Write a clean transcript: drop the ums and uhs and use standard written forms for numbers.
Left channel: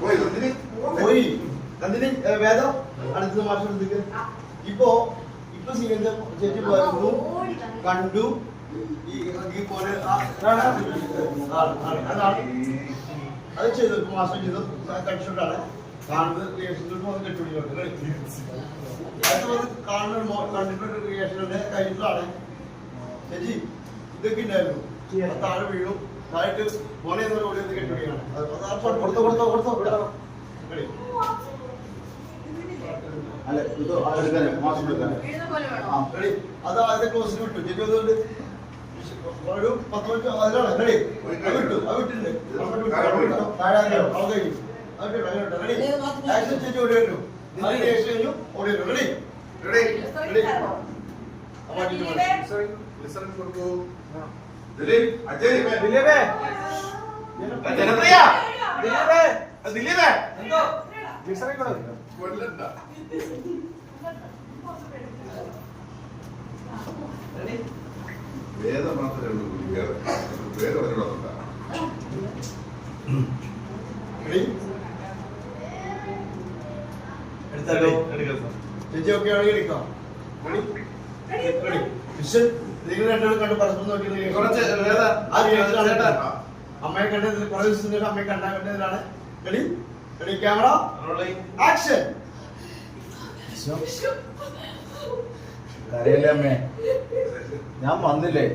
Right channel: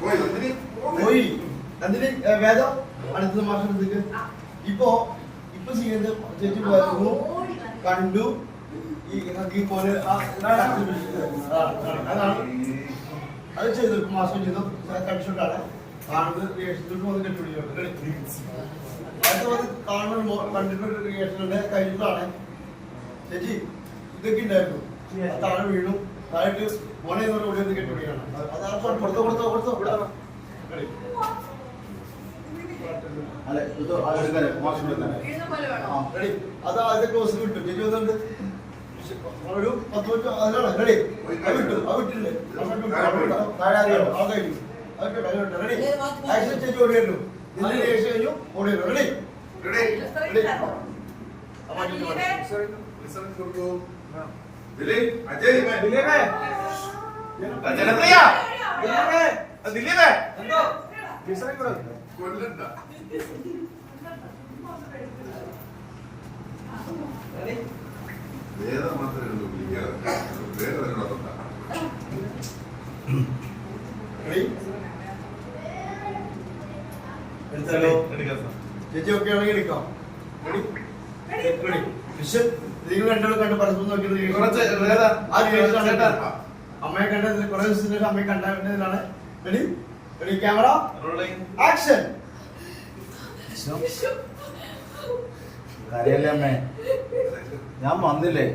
പോയി നന്ദിനി വേദം അടുത്ത മാസം ഇപ്പൊ ചേച്ചി പോയിരുന്നു കണ്ടു ഈ പോലെ അത് ചെയ്തു മാസം ചെയ്തു കണ്ടിട്ടാണ് കാണുന്നത് റിയേഷനിൽ വന്ന് കെട്ടുപിടിക്കുന്നത് കാണുന്ന കണ്ടിട്ട് റിയേഷനുണ്ട് കഴിഞ്ഞിട്ടാണ് ചേച്ചി ഇതൊക്കെ ഉണ്ടായിരുന്നു താഴെ വീണു താഴെ മോനെ ഓടി കെട്ടുപിടിക്കണം അത് അതിന്റെ ക്ലോസ് കിട്ടും ചേച്ചി വന്നുകൊണ്ട് ഒരു 10 മിനിറ്റ് അതിലാണ് റെഡി വിട്ടു അത് വിട്ടില്ലേ ആക്ഷൻ ചേച്ചി ഓടി വരും കഴിഞ്ഞു ഓടി വരും റെഡി ജനപ്രിയ വേദം മാത്രമേ വിളിക്കാറ് വേദം ചേച്ചി ഒക്കെ ആണെങ്കിൽ എടുക്കാം നിങ്ങൾ രണ്ടുപേരും കണ്ട് പരസ്പരം നോക്കിയത് അമ്മയെ കണ്ടത് കുറെ ദിവസത്തിന് അമ്മയെ കണ്ടതിലാണ് റെഡി റെഡി ക്യാമറ ആക്ഷൻ കരയല്ലേ അമ്മേ ഞാൻ വന്നില്ലേ